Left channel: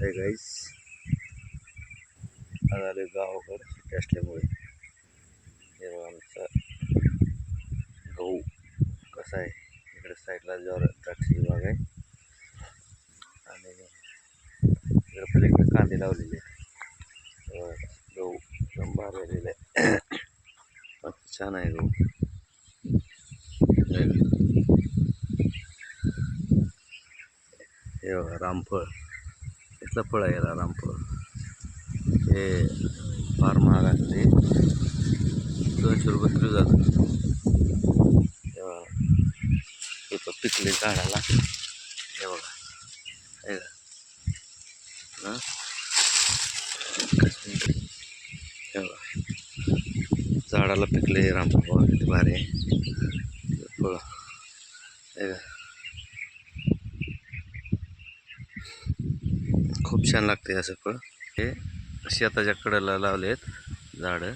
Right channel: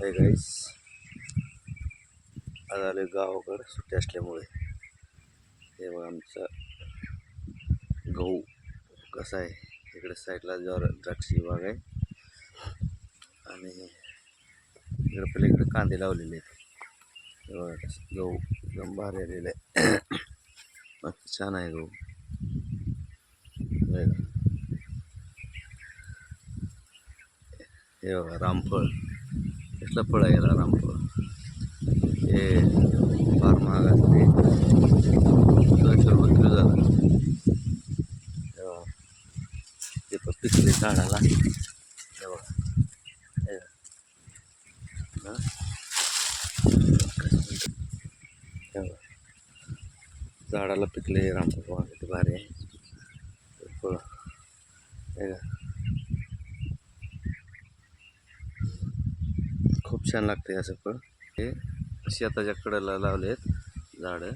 Hi guys, आज आलोय गावाकडं सुट्टी असल्यामुळे. हे बघा आमचा गहू कसा आहे. इकडे साईडला द्राक्षी बाग आहे आणि इकडे पलीकडे कांदे लावलेले आहेत. हे बघा गहू एकदम भारी आलेला आहे. मस्त छान आहे गहू. हे बघा रामफळ, कसलं फळ आहे याला रामफळ. हे फार महाग असते, 200 रुपये किलो झालं. तेव्हा हे पण पिकले झाडाला. हे बघा हे बघा झाडाला पिकले रामफळ. बघा किती भारी आहे फळ. हे खूप छान लागते असं फळ. हे शेताच्या कडेला लावले आहेत झाडं,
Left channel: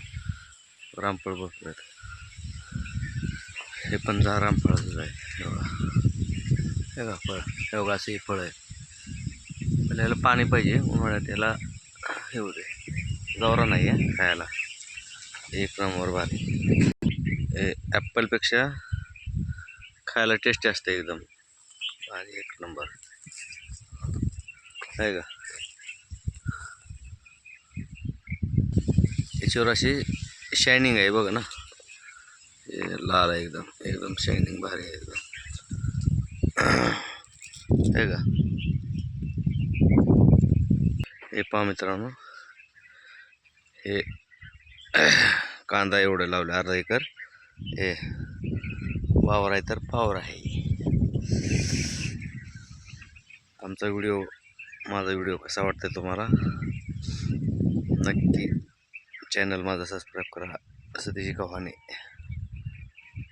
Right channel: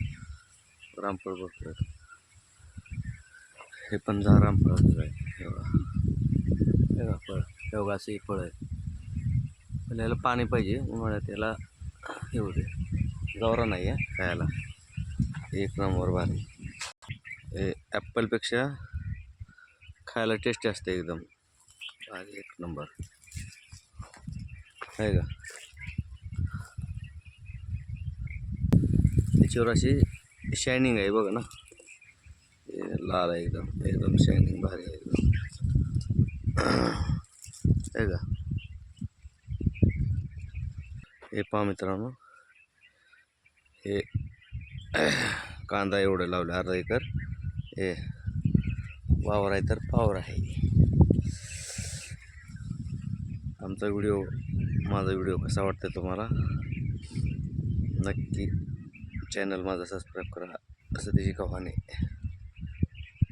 रामफळ भरपूर आहेत. हे पण रामफळाचं आहे. हे बघा फळ, हे बघा असं हे फळ आहे. पण याला पाणी पाहिजे, उन्हाळ्यात याला हे होते, जवरा नाही आहे खायला. एक नंबर भारी. हे ॲपलपेक्षा खायला टेस्टी असते एकदम भारी, एक नंबर आहे का. याच्यावर अशी शायनिंग आहे बघा ना, लाल आहे एकदम, एकदम शायनिंग भारी आहे एकदम. आहे का. हे पहा मित्रांनो, हे कांदा एवढं लावलं, अर्धा एकर. हे वावर आहे तर पावर आहे. आमचा व्हिडिओ, माझा व्हिडिओ कसा वाटतं तुम्हाला, नक्की चॅनल माझा सबस्क्राईब करा. सतीश गव्हाणे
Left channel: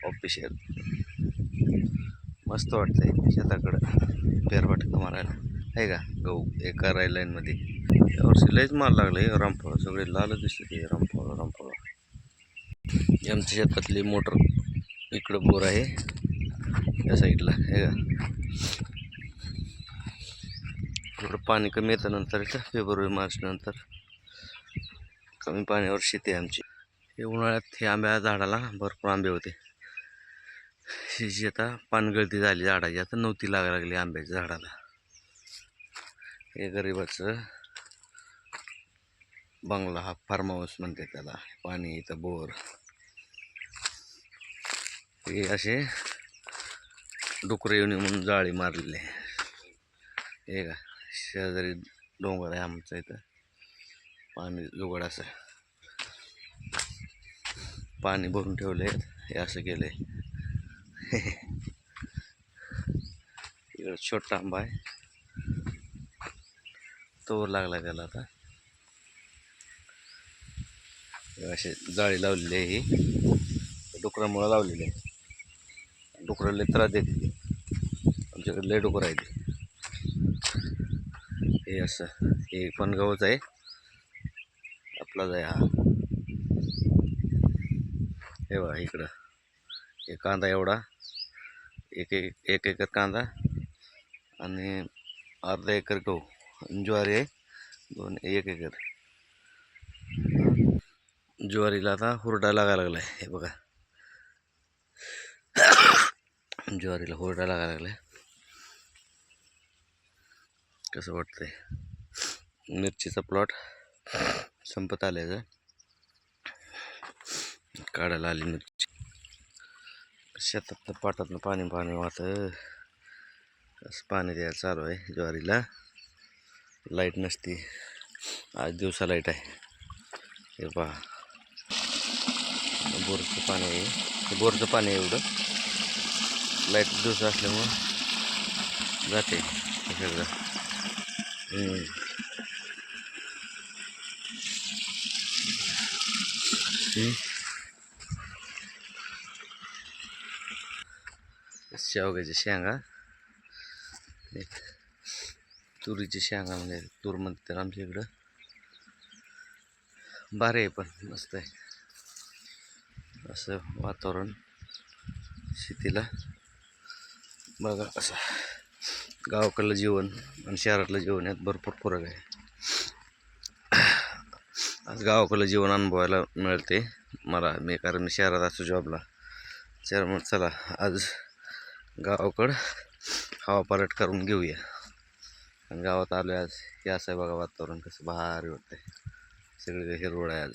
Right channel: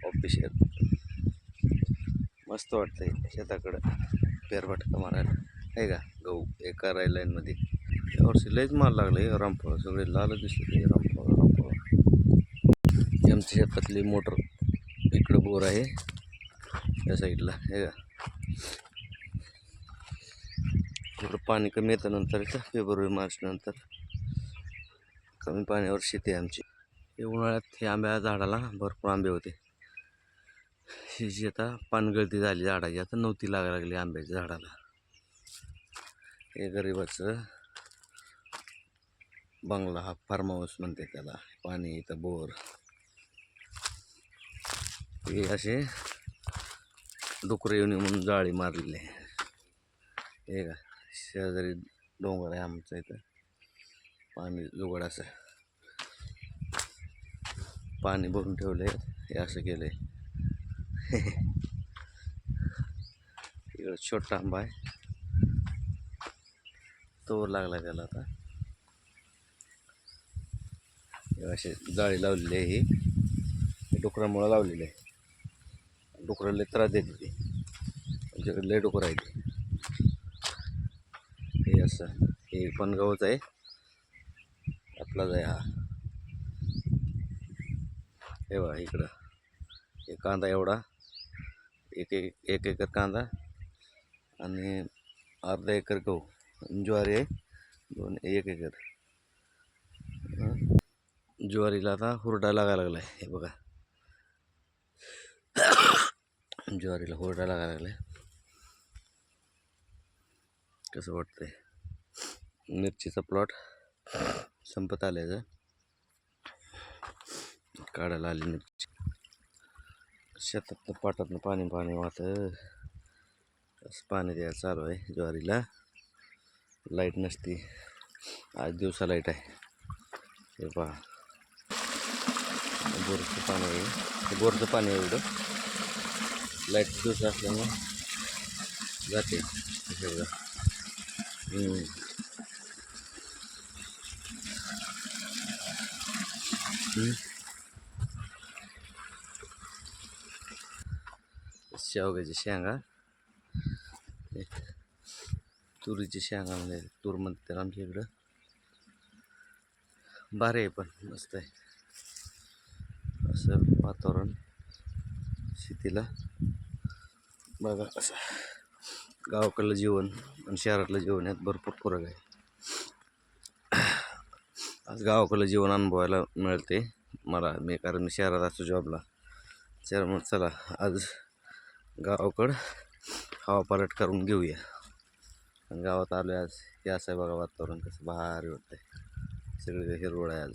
ऑफिशियल. मस्त वाटतंय शेताकडं फेरफटका मारायला, आहे का. गहू एका लाईनमध्ये यावर्षी लयच माल लागले. रामफळ सगळे लाल दिसते. रामफळ रामफळ. आमच्या शेतातली मोटर इकडं बोर आहे या साईडला, आहे का. इकडं पाणी कमी येतं नंतर, इथं फेब्रुवारी मार्च नंतर कमी पाण्यावर शेती आहे आमची. हे उन्हाळ्यात हे आंब्या झाडाला भरपूर आंबे होते. ही आता पानगळती झाली झाडाची, आता नव्हती लागायला लागली आंब्याच्या झाडाला. हे गरिबाचं बंगला, हा फार्म हाऊस म्हणते त्याला. पाणी इथं बोर. हे असे डुकरं येऊन म्हणून जाळी मारलेली आहे. हे का शेजारी डोंगर आहे आमचं, इथं पाणी जुगाड असं पाणी भरून ठेवले. हे असं केलंय. इकडं छोटा आंबा आहे, तोवर लागला त्याला आता. असे जाळी लावलेली आहे, ही डुकरामुळं लावलेली आहे. डुकरं लय त्रास देते ती, आमच्याकडे लय डुकर आहे ते. हे असं, हे पण गवच आहे आपलाच आहे हा. हे बघा इकडं हे कांदा एवढा, एक एकर कांदा आणि अर्धा एकर गहू, ज्वारी आहे 1 एकर. ज्वारीला आता हुरडा लागायला लागलाय. हे बघा ज्वारीला हुरडा लागायला लागलाय. कसं वाटतंय. मिरचीचा प्लॉट संपत आल्याचं, काढायला आली मिरची. शेतातनं पाटातनं पाणी पाणी वाहतं, असं पाणी द्यायला चालू आहे ज्वारीला. लाईट नसती, आज दिवसा लाईट आहे. हे पहा बोरचं पाणी आहे, बोरचं पाणी आहे. एवढं लाईट दिवसा असल्यामुळं जाते सगळं. शेवग्याच्या शेंगा, तुरीची शेंगा म्हणजे तूर म्हणते तर आमच्या इकडं. भारी आहे, पण मस्त आहे असं वातावरण शेतीला. बघा कसं गावाकडलं जीवन आणि शहरातलं जीवन यात भरपूर फरक आहे. आज गावाकडलं जीवन अनुभवायला मिळते मी, कारण मी शहरात असतो जॉबला. त्यामुळे चला आज गावाकडं हवा पालट करून घेऊया. आणि गावात आलो आज, हे असं आहे बघा वातावरण कसं भारी वाटतंय. सगळीकडे हिरवळ आहे आज.